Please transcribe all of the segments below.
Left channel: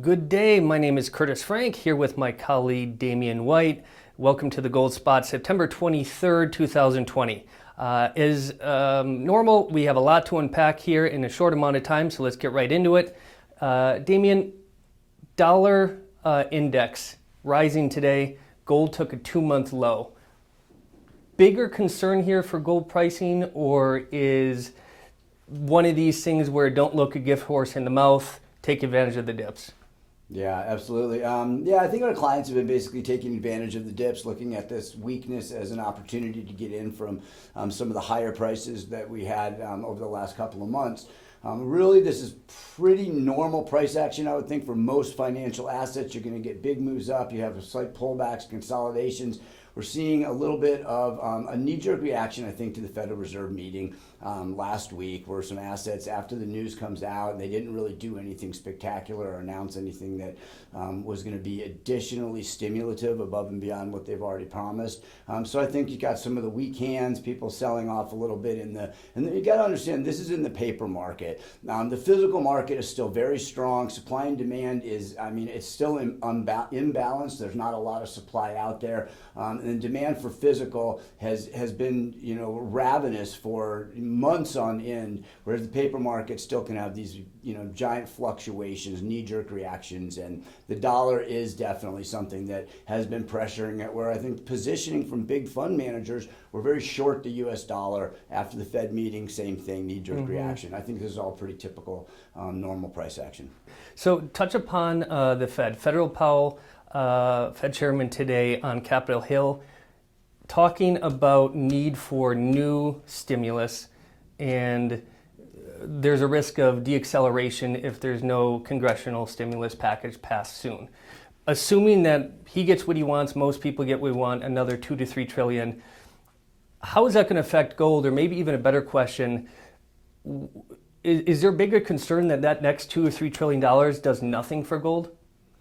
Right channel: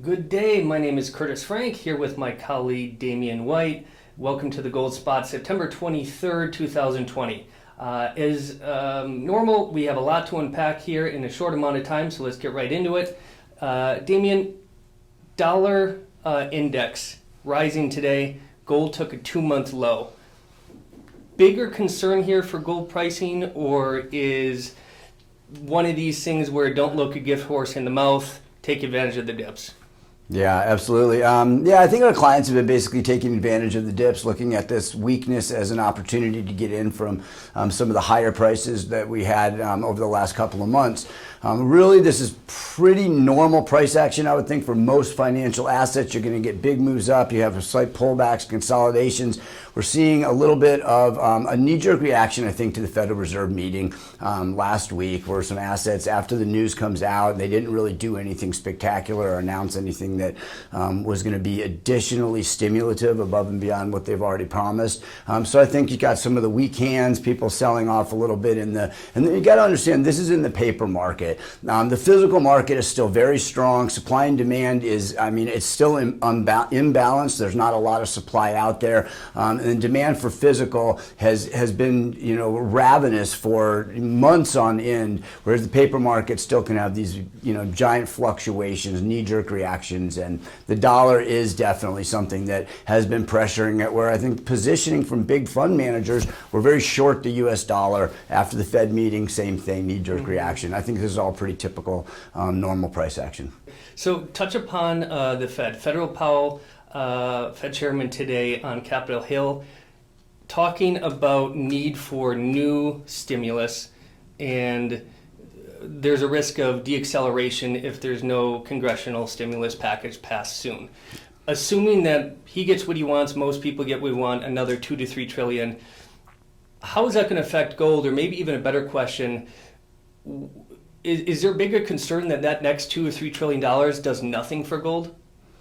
Good day, my name is Curtis Frank, here with my colleague Damian White. Welcome to the Gold Spot, September 23rd, 2020. As normal, we have a lot to unpack here in a short amount of time, so let's get right into it. Damian, dollar index rising today, gold took a 2-month low. Bigger concern here for gold pricing, or is one of these things where don't look a gift horse in the mouth, take advantage of the dips? Yeah, absolutely. I think our clients have been basically taking advantage of the dips, looking at this weakness as an opportunity to get in from some of the higher prices that we had over the last couple of months. Really, this is pretty normal price action, I would think, for most financial assets. You're going to get big moves up. You have slight pullbacks, consolidations. We're seeing a little bit of a knee-jerk reaction, I think, to the Federal Reserve meeting last week, where some assets, after the news comes out, they didn't really do anything spectacular or announce anything that was going to be additionally stimulative above and beyond what they've already promised. So I think you got some of the weak hands, people selling off a little bit and then you got to understand this is in the paper market. The physical market is still very strong. Supply and demand is, it's still imbalanced. There's not a lot of supply out there. And demand for physical has been, ravenous for months on end, whereas the paper market still can have these, giant fluctuations, knee-jerk reactions, and the dollar is definitely something that has been pressuring it, where I think positioning from big fund managers were very short the U.S. dollar after the Fed meeting, same thing, knee-jerk reaction. I think this is all pretty typical normal price action. So touch upon the Fed. Federal Powell, Fed chairman today on Capitol Hill, talking about need for new stimulus, and there's a risk of deacceleration if there's no congressional stimulus package passed soon. Assuming that he gets what he wants, most people get what we want, another 2 to 3 trillion, how is that going to affect gold? Or maybe even a better question, is there a bigger concern that next $2 or $3 trillion does nothing for gold?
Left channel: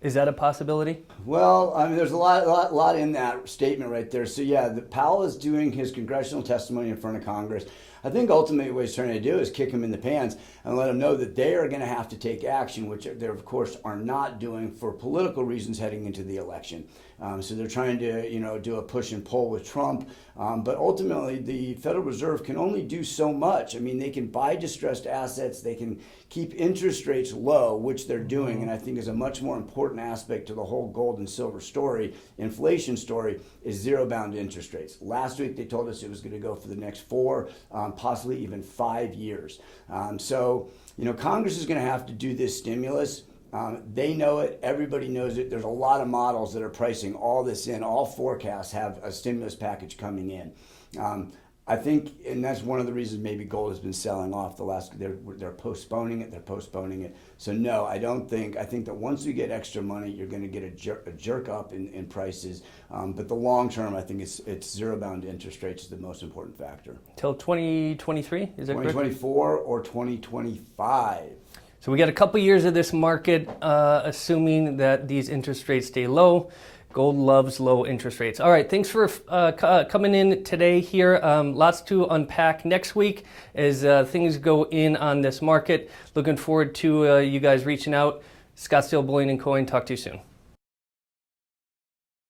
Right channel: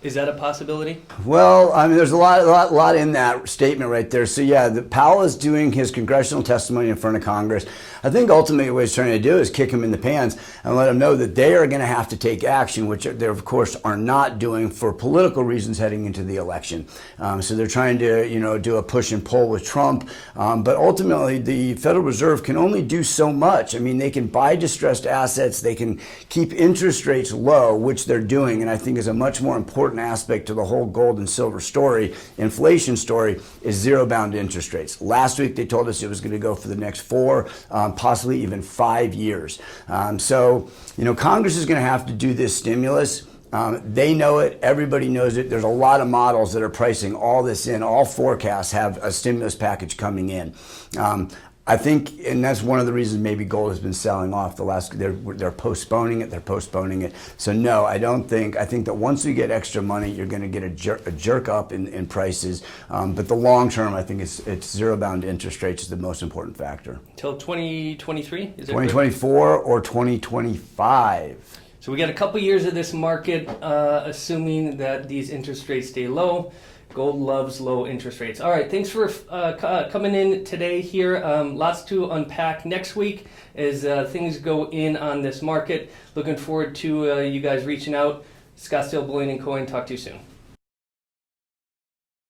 Is that a possibility? Well, there's a lot in that statement right there. So yeah, Powell is doing his congressional testimony in front of Congress. I think ultimately what he's trying to do is kick him in the pants and let them know that they are going to have to take action, which they of course are not doing for political reasons heading into the election. So they're trying to do a push and pull with Trump, but ultimately the Federal Reserve can only do so much. They can buy distressed assets, they can keep interest rates low, which they're doing, and I think is a much more important aspect to the whole gold and silver story, inflation story, is zero-bound interest rates. Last week they told us it was going to go for the next 4, possibly even 5 years. So Congress is going to have to do this stimulus. They know it. Everybody knows it. There's a lot of models that are pricing all this in. All forecasts have a stimulus package coming in. I think, and that's one of the reasons maybe gold has been selling off the last, they're postponing it. So no, I think that once you get extra money, you're going to get a jerk up in prices. But the long term, I think it's zero-bound interest rates is the most important factor. Till 2023? Is it 2024 or 2025. So we got a couple years of this market, assuming that these interest rates stay low. Gold loves low interest rates. All right, thanks for coming in today here. Lots to unpack next week as things go in on this market. Looking forward to you guys reaching out. Scottsdale Bullion Coin, talk to you soon.